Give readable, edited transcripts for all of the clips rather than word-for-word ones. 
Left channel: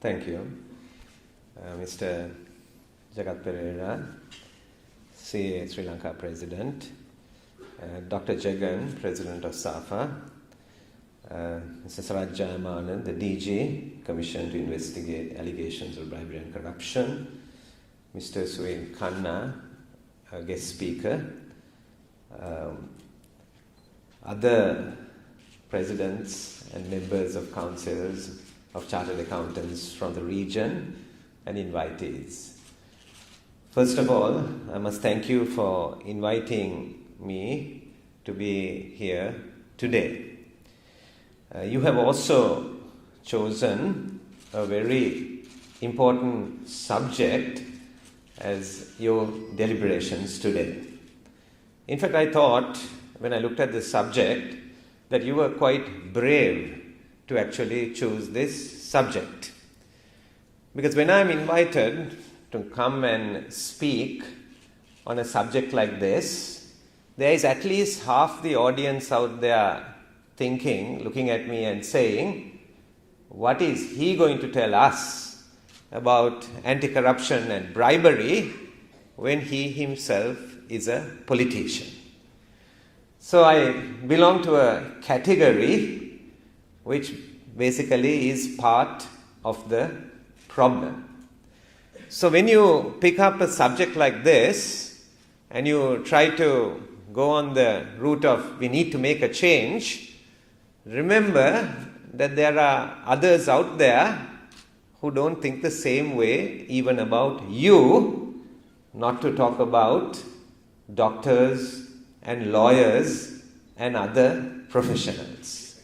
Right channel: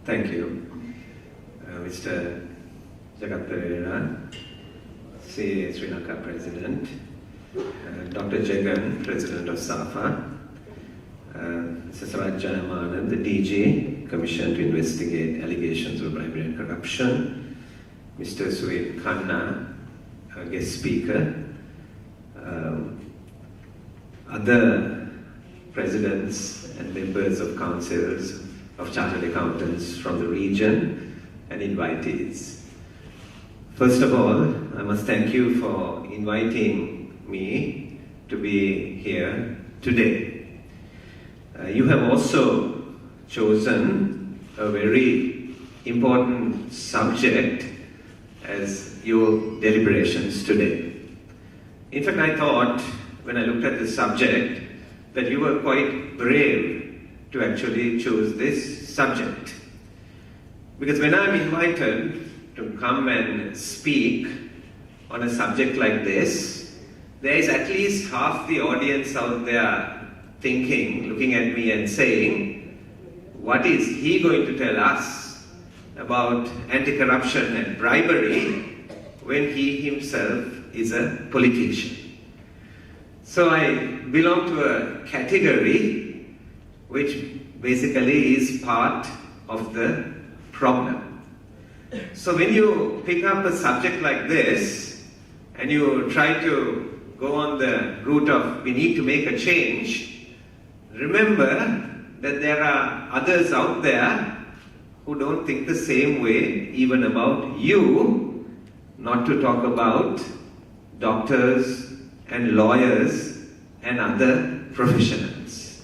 Thank you. Mr. Eran, Sri Lanka President, Dr. Jagan, President of SAFA, Mr. Sarajana, the DG, Commission to investigate allegations of bribery and corruption, Mr. Sui Khanna, a guest speaker, other presidents and members of councils of chartered accountants from the region and invitees. First of all, I must thank you for inviting me to be here today. You have also chosen a very important subject as your deliberations today. In fact, I thought, when I looked at this subject, that you were quite brave to actually choose this subject. Because when I'm invited to come and speak on a subject like this, there is at least half the audience out there thinking, looking at me and saying, what is he going to tell us about anti-corruption and bribery when he himself is a politician? So I belong to a category which basically is part of the problem. So when you pick up a subject like this and you try to go on the route of we need to make a change, remember that there are others out there who don't think the same way even about you, not to talk about doctors and lawyers and other professionals.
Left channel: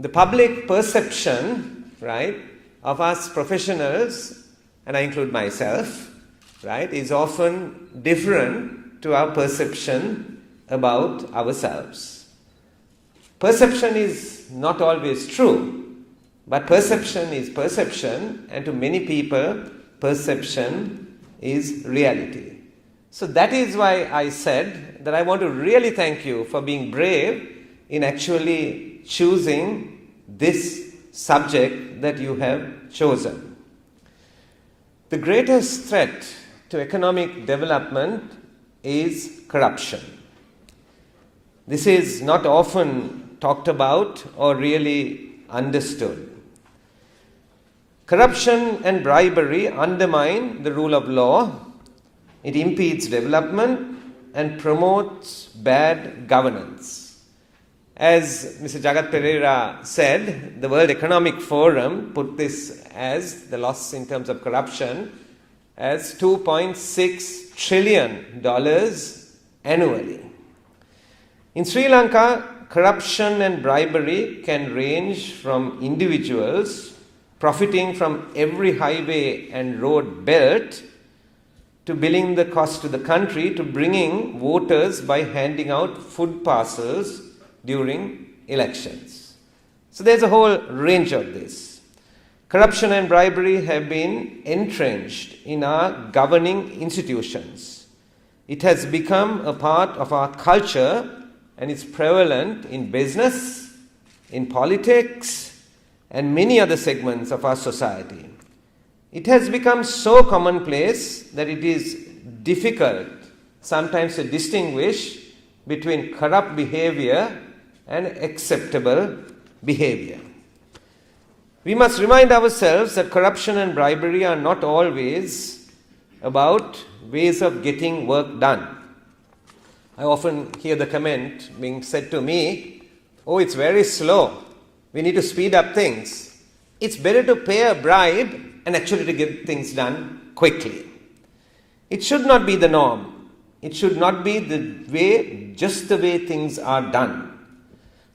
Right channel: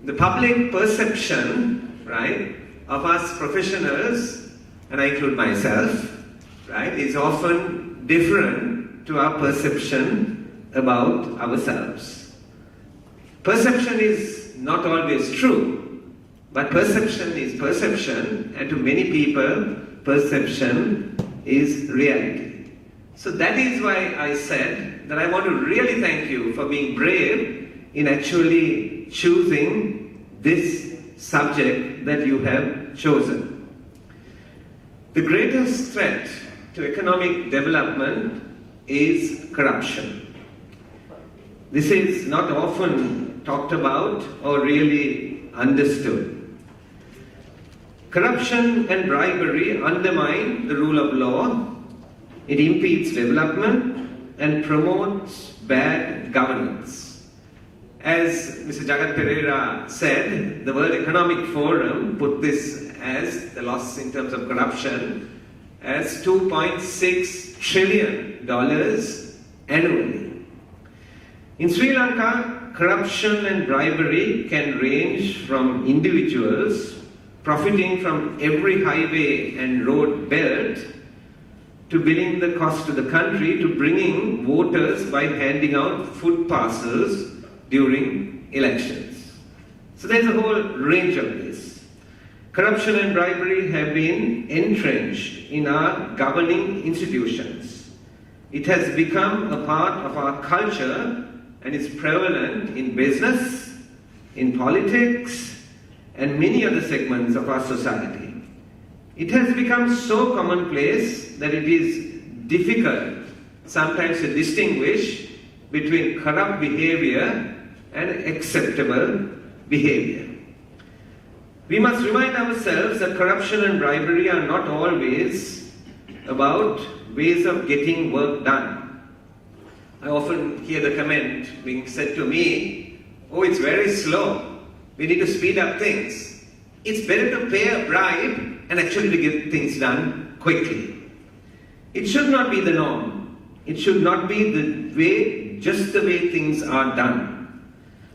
The public perception, right, of us professionals, and I include myself, right, is often different to our perception about ourselves. Perception is not always true, but perception is perception, and to many people, perception is reality. So that is why I said that I want to really thank you for being brave in actually choosing this subject that you have chosen. The greatest threat to economic development is corruption. This is not often talked about or really understood. Corruption and bribery undermine the rule of law, it impedes development and promotes bad governance. As Mr. Jagat Pereira said, the World Economic Forum put this as the loss in terms of corruption as $2.6 trillion annually. In Sri Lanka, corruption and bribery can range from individuals profiting from every highway and road built to billing the cost to the country to bringing voters by handing out food parcels during elections. So there's a whole range of this. Corruption and bribery have been entrenched in our governing institutions. It has become a part of our culture and is prevalent in business, in politics, and many other segments of our society. It has become so commonplace that it is difficult sometimes to distinguish between corrupt behavior and acceptable behavior. We must remind ourselves that corruption and bribery are not always about ways of getting work done. I often hear the comment being said to me, oh, it's very slow. We need to speed up things. It's better to pay a bribe and actually get things done quickly. It should not be the norm. It should not be just the way things are done.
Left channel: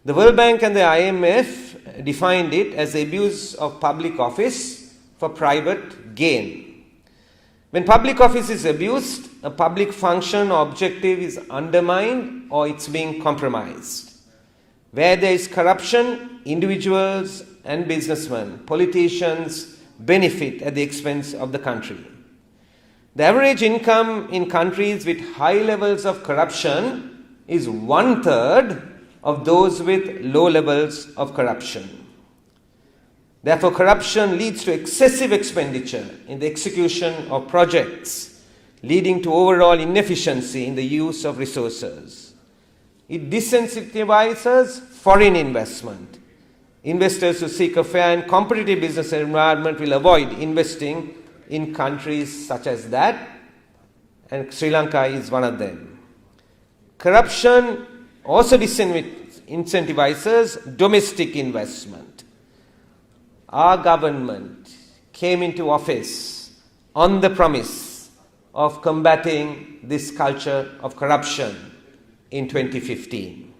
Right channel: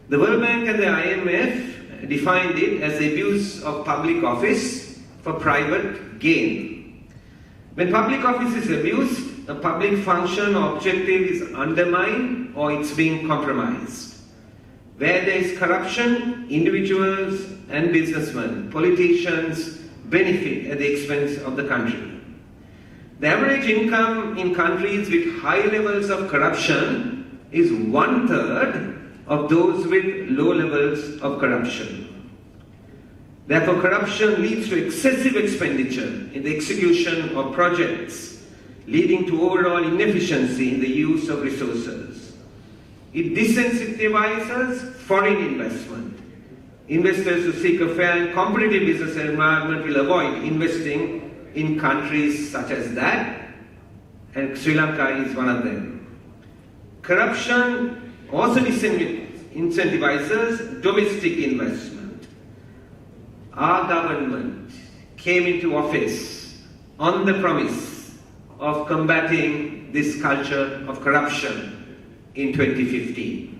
The World Bank and the IMF defined it as the abuse of public office for private gain. When public office is abused, a public function or objective is undermined or it's being compromised. Where there is corruption, individuals and businessmen, politicians benefit at the expense of the country. The average income in countries with high levels of corruption is 1/3 of those with low levels of corruption. Therefore, corruption leads to excessive expenditure in the execution of projects, leading to overall inefficiency in the use of resources. It disincentivizes foreign investment. Investors who seek a fair and competitive business environment will avoid investing in countries such as that, and Sri Lanka is one of them. Corruption also disincentivizes domestic investment. Our government came into office on the promise of combating this culture of corruption in 2015.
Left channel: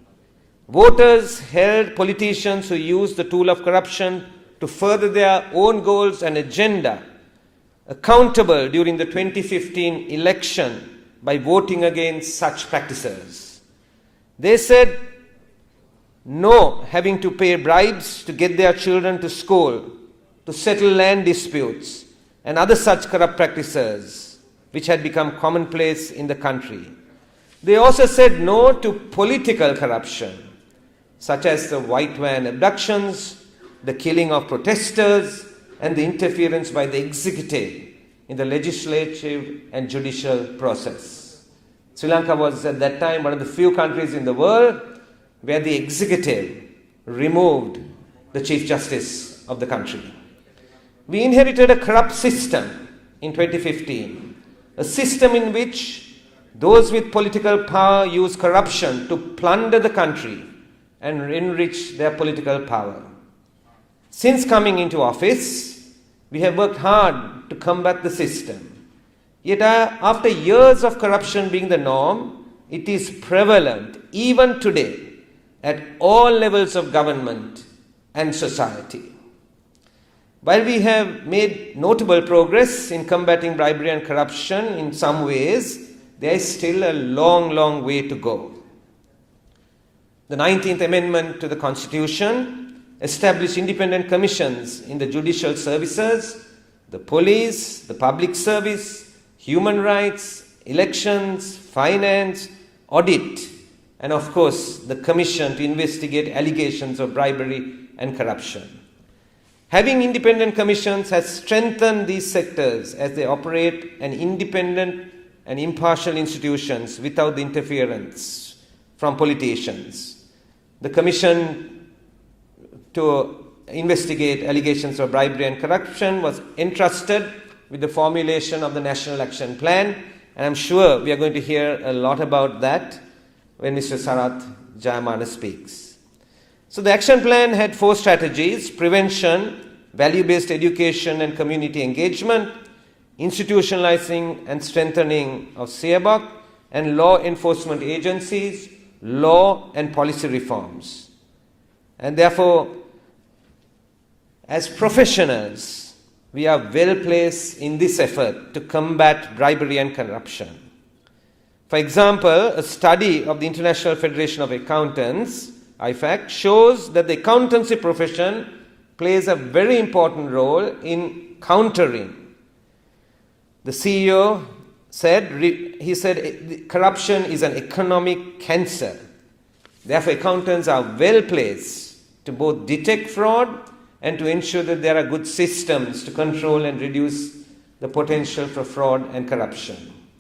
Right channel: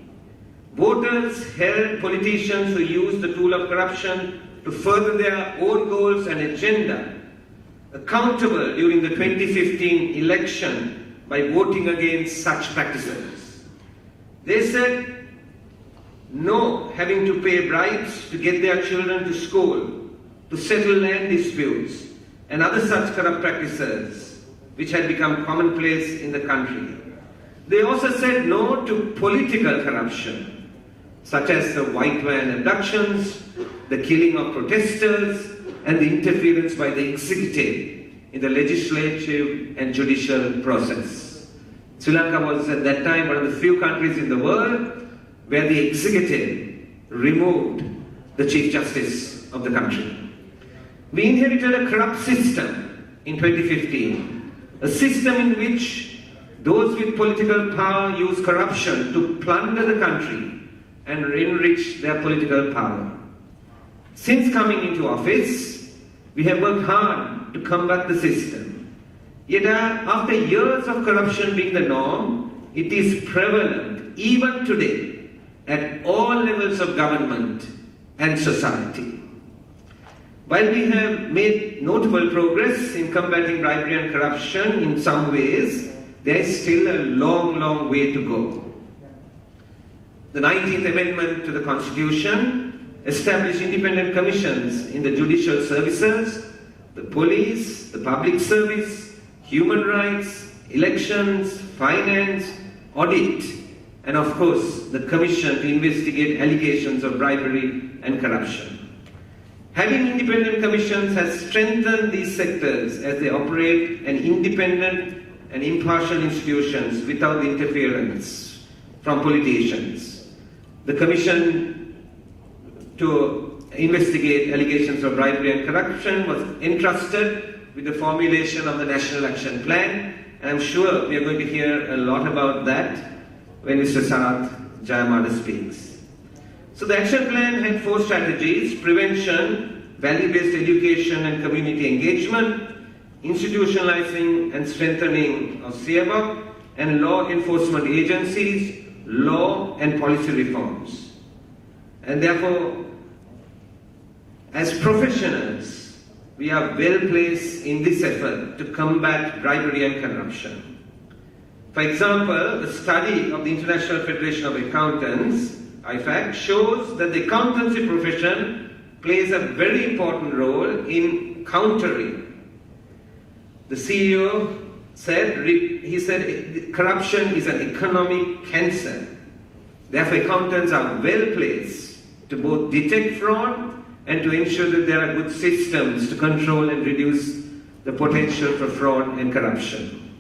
Voters held politicians who used the tool of corruption to further their own goals and agenda accountable during the 2015 election by voting against such practices. They said no having to pay bribes to get their children to school, to settle land disputes, and other such corrupt practices which had become commonplace in the country. They also said no to political corruption, such as the white van abductions, the killing of protesters, and the interference by the executive in the legislative and judicial process. Sri Lanka was at that time one of the few countries in the world where the executive removed the Chief Justice of the country. We inherited a corrupt system in 2015, a system in which those with political power use corruption to plunder the country and enrich their political power. Since coming into office, we have worked hard to combat the system. Yet after years of corruption being the norm, it is prevalent even today at all levels of government and society. While we have made notable progress in combating bribery and corruption in some ways, there is still a long, long way to go. The 19th Amendment to the Constitution established independent commissions in the judicial services, the police, the public service, human rights, elections, finance, audit, and of course the commission to investigate allegations of bribery and corruption. Having independent commissions has strengthened these sectors as they operate an independent and impartial institutions without the interference from politicians. The commission to investigate allegations of bribery and corruption was entrusted with the formulation of the National Action Plan, and I'm sure we are going to hear a lot about that when Mr. Sarath Jayamana speaks. So the action plan had 4 strategies: prevention, value-based education and community engagement, institutionalizing and strengthening of SAFA, and law enforcement agencies, law and policy reforms. And therefore, as professionals, we are well placed in this effort to combat bribery and corruption. For example, a study of the International Federation of Accountants, IFAC, shows that the accountancy profession plays a very important role in countering. The CEO said, corruption is an economic cancer. Therefore, accountants are well placed to both detect fraud and to ensure that there are good systems to control and reduce the potential for fraud and corruption.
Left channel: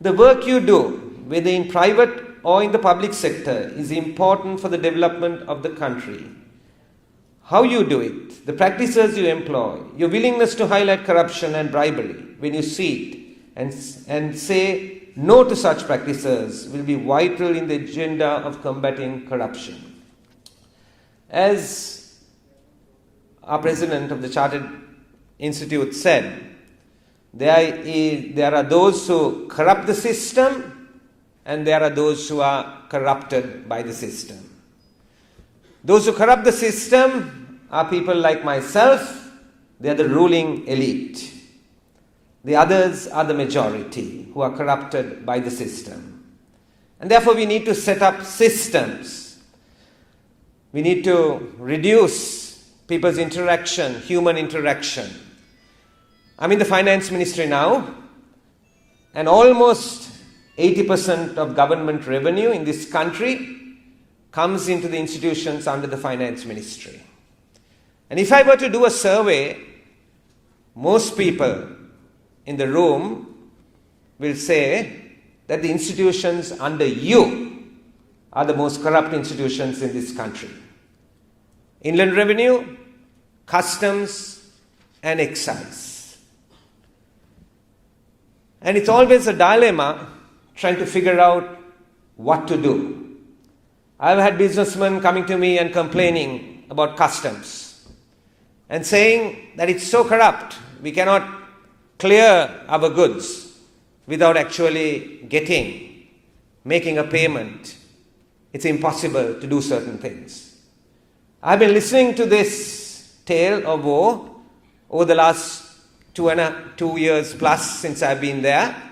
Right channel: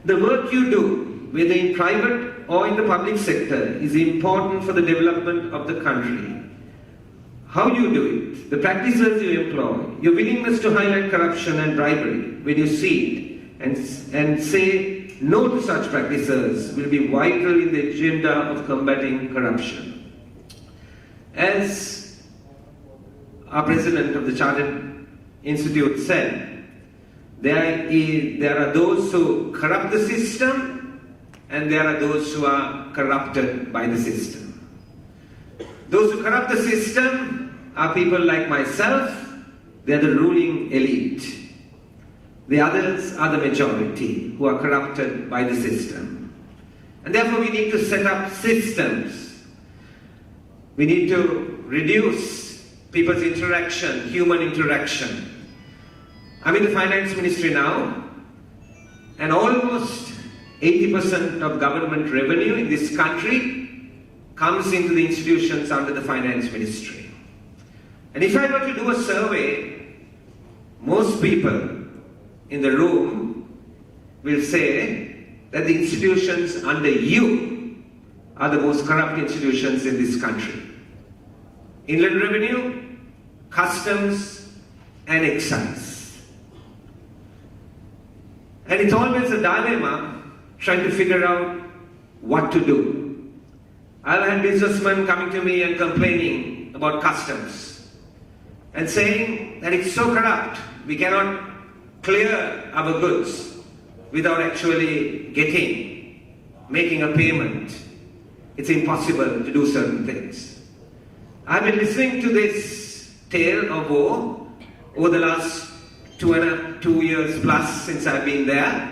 The work you do, whether in private or in the public sector, is important for the development of the country. How you do it, the practices you employ, your willingness to highlight corruption and bribery when you see it, and say no to such practices will be vital in the agenda of combating corruption. As our president of the Chartered Institute said, there are those who corrupt the system and there are those who are corrupted by the system. Those who corrupt the system are people like myself. They are the ruling elite. The others are the majority who are corrupted by the system. And therefore we need to set up systems. We need to reduce people's interaction, human interaction. I'm in the finance ministry now, and almost 80% of government revenue in this country comes into the institutions under the finance ministry. And if I were to do a survey, most people in the room will say that the institutions under you are the most corrupt institutions in this country. Inland Revenue, Customs, and Excise. And it's always a dilemma trying to figure out what to do. I've had businessmen coming to me and complaining about customs and saying that it's so corrupt, we cannot clear our goods without actually making a payment. It's impossible to do certain things. I've been listening to this tale of woe over the last 2 years plus since I've been there.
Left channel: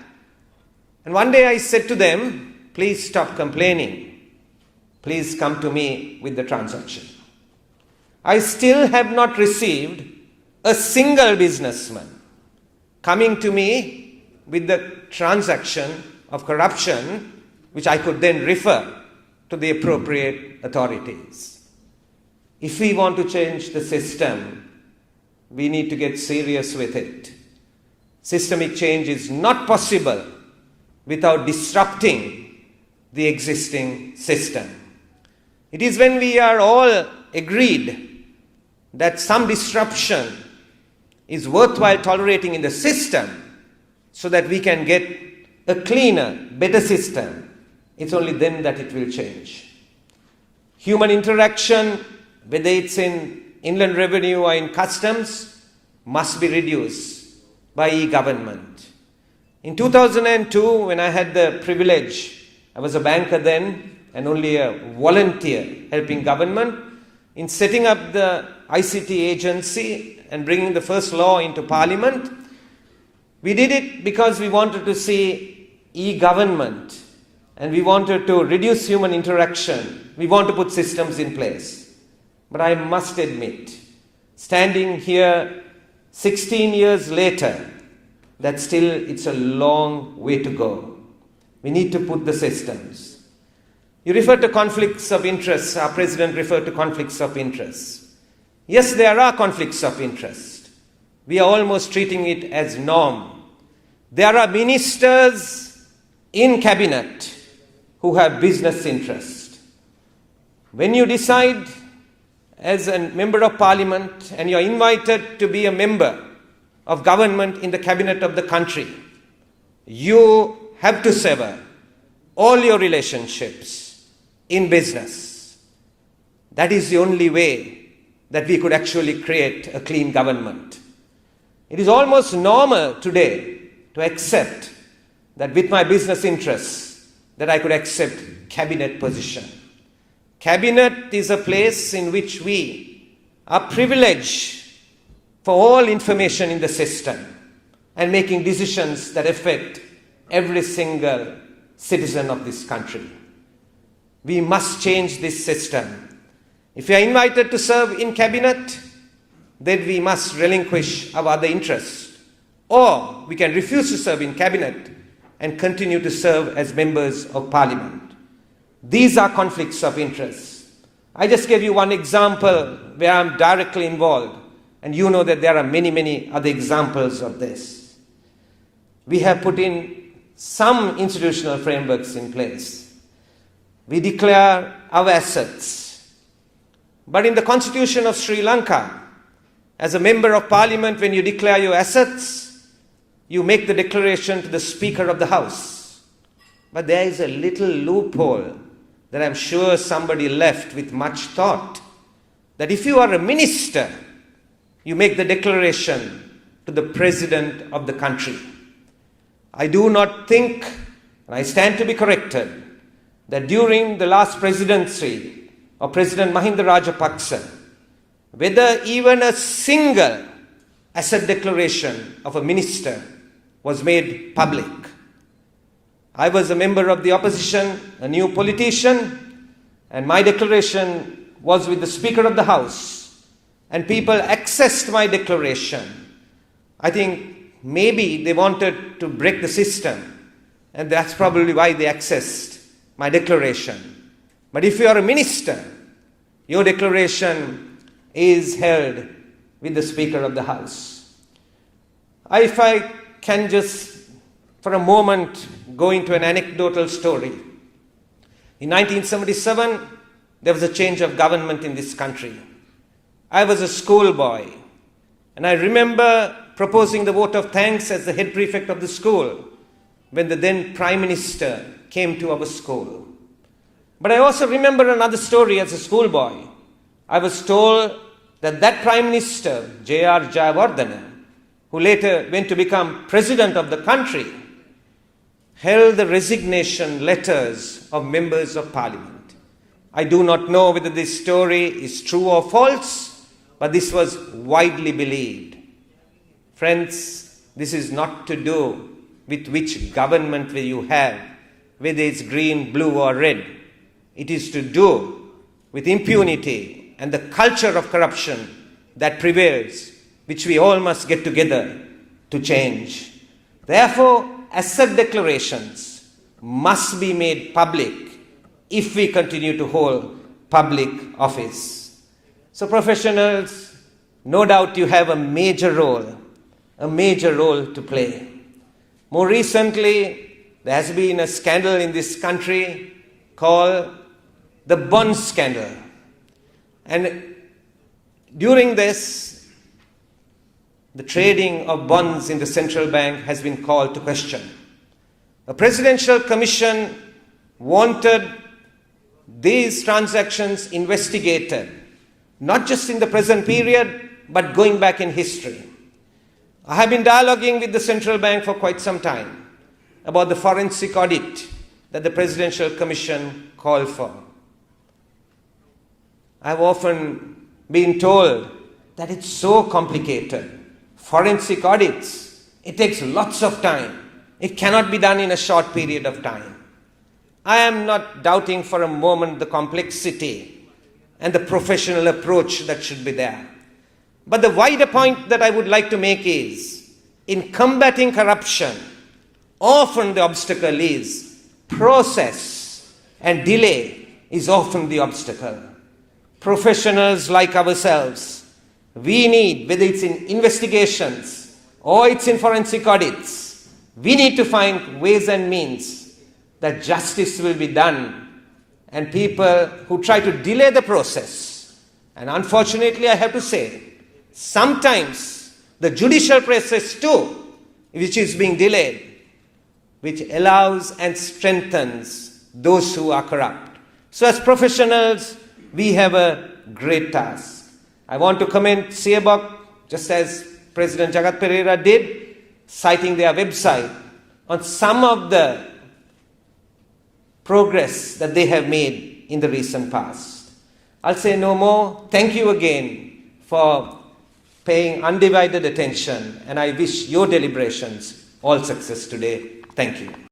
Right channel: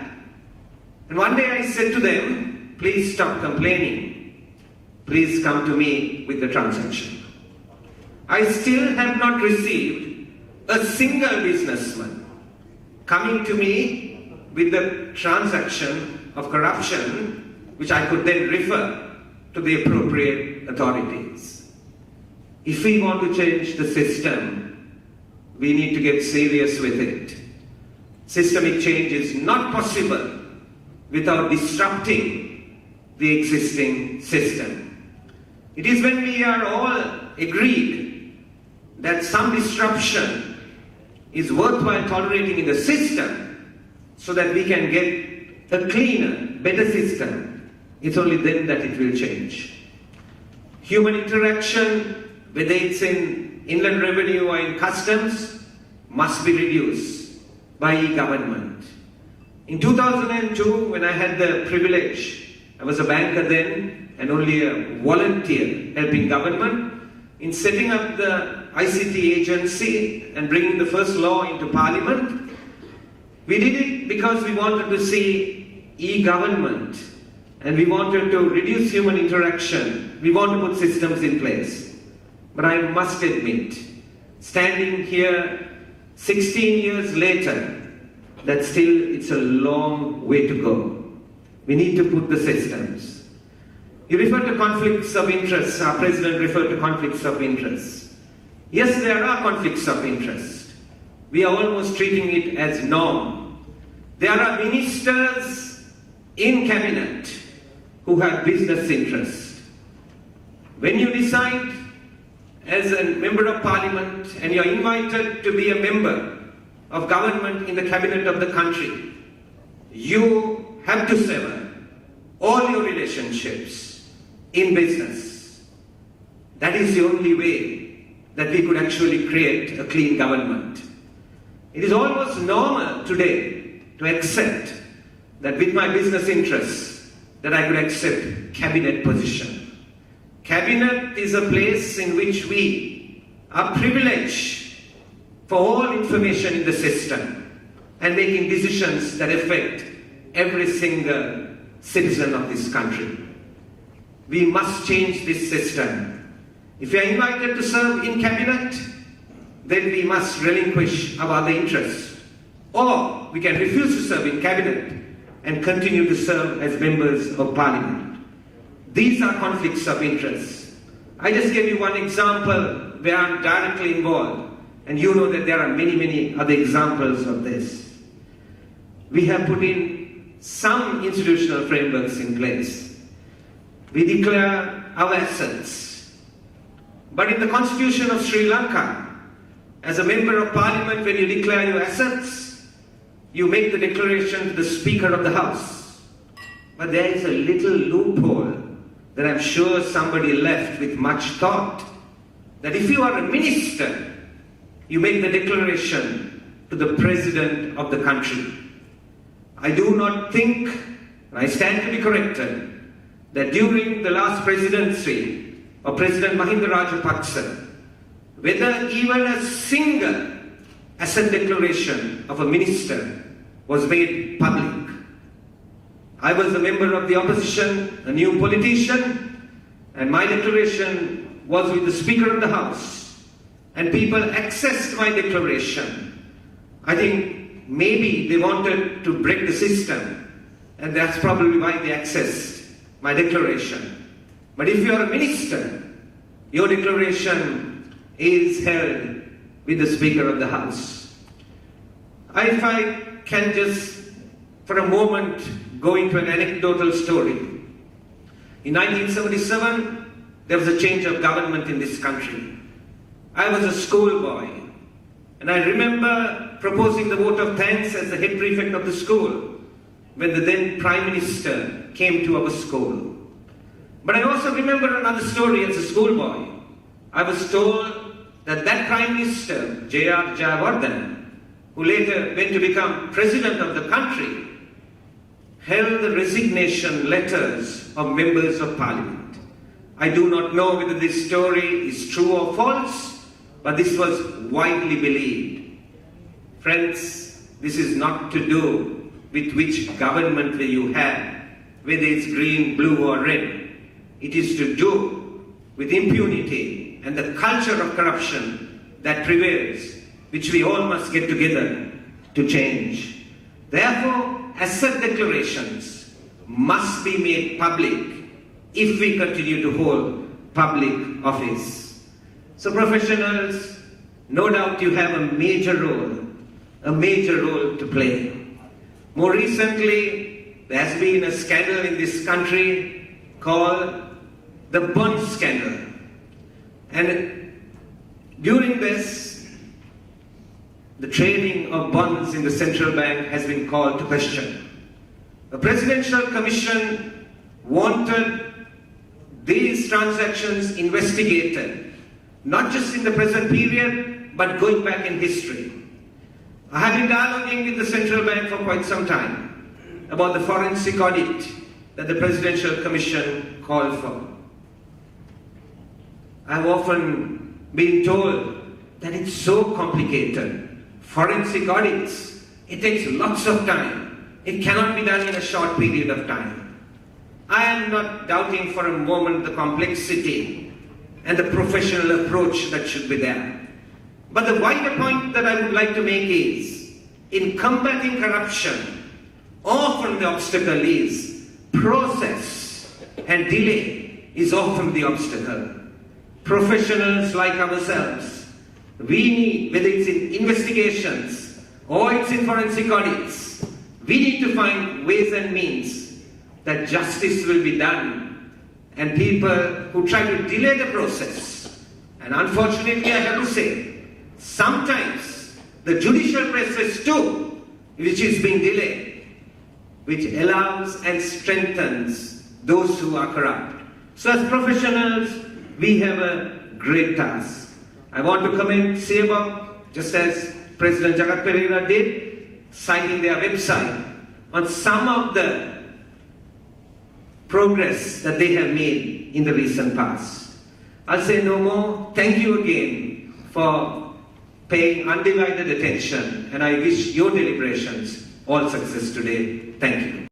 And one day I said to them, please stop complaining. Please come to me with the transaction. I still have not received a single businessman coming to me with the transaction of corruption, which I could then refer to the appropriate authorities. If we want to change the system, we need to get serious with it. Systemic change is not possible without disrupting the existing system. It is when we are all agreed that some disruption is worthwhile tolerating in the system so that we can get a cleaner, better system, it's only then that it will change. Human interaction, whether it's in inland revenue or in customs, must be reduced by e-government. In 2002, when I had the privilege, I was a banker then and only a volunteer helping government in setting up the ICT agency and bringing the first law into Parliament. We did it because we wanted to see e-government and we wanted to reduce human interaction. We want to put systems in place. But I must admit, standing here 16 years later, that still it's a long way to go. We need to put the systems. You referred to conflicts of interest. Our president referred to conflicts of interest. Yes, there are conflicts of interest. We are almost treating it as norm. There are ministers in cabinet who have business interest. When you decide as a member of parliament and you're invited to be a member of government in the cabinet of the country, you have to sever all your relationships in business. That is the only way that we could actually create a clean government. It is almost normal today to accept that with my business interests that I could accept cabinet position. Cabinet is a place in which we are privileged for all information in the system and making decisions that affect every single citizen of this country. We must change this system. If we are invited to serve in cabinet, then we must relinquish our other interests. Or we can refuse to serve in cabinet and continue to serve as members of parliament. These are conflicts of interest. I just gave you one example where I'm directly involved, and you know that there are many, many other examples of this. We have put in some institutional frameworks in place. We declare our assets. But in the Constitution of Sri Lanka, as a member of parliament, when you declare your assets, you make the declaration to the Speaker of the House. But there is a little loophole that I'm sure somebody left with much thought, that if you are a minister, you make the declaration to the President of the country. I do not think, and I stand to be corrected, that during the last presidency of President Mahinda Rajapaksa, whether even a single asset declaration of a minister was made public. I was a member of the opposition, a new politician, and my declaration was with the Speaker of the House, and people accessed my declaration. I think maybe they wanted to break the system, and that's probably why they accessed my declaration. But if you are a minister, your declaration is held with the Speaker of the House. If I can just for a moment go into an anecdotal story. In 1977, there was a change of government in this country. I was a schoolboy, and I remember proposing the vote of thanks as the head prefect of the school when the then Prime Minister came to our school. But I also remember another story as a schoolboy. I was told that that Prime Minister, J.R. Jayawardena, who later went to become President of the country, held the resignation letters of members of Parliament. I do not know whether this story is true or false, but this was widely believed. Friends, this is not to do with which government will you have, whether it's green, blue or red. It is to do with impunity and the culture of corruption that prevails, which we all must get together to change. Therefore, asset declarations must be made public if we continue to hold public office. So professionals, no doubt you have a major role to play. More recently, there has been a scandal in this country called the bond scandal. And during this, the trading of bonds in the central bank has been called to question. A presidential commission wanted these transactions investigated, not just in the present period, but going back in history. I have been dialoguing with the central bank for quite some time about the forensic audit that the presidential commission called for. I have often been told that it's so complicated. Forensic audits, it takes lots of time. It cannot be done in a short period of time. I am not doubting for a moment the complexity and the professional approach that should be there. But the wider point that I would like to make is, in combating corruption, often the obstacle is process, and delay is often the obstacle. Professionals like ourselves, we need, whether it's in investigations or it's in forensic audits, we need to find ways and means that justice will be done, and people who try to delay the process, and unfortunately I have to say, sometimes the judicial process too, which is being delayed, which allows and strengthens those who are corrupt. So as professionals, we have a great task. I want to commend CEBOC, just as President Jagat Pereira did, citing their website on some of the progress that they have made in the recent past. I'll say no more. Thank you again for paying undivided attention, and I wish your deliberations all success today. Thank you.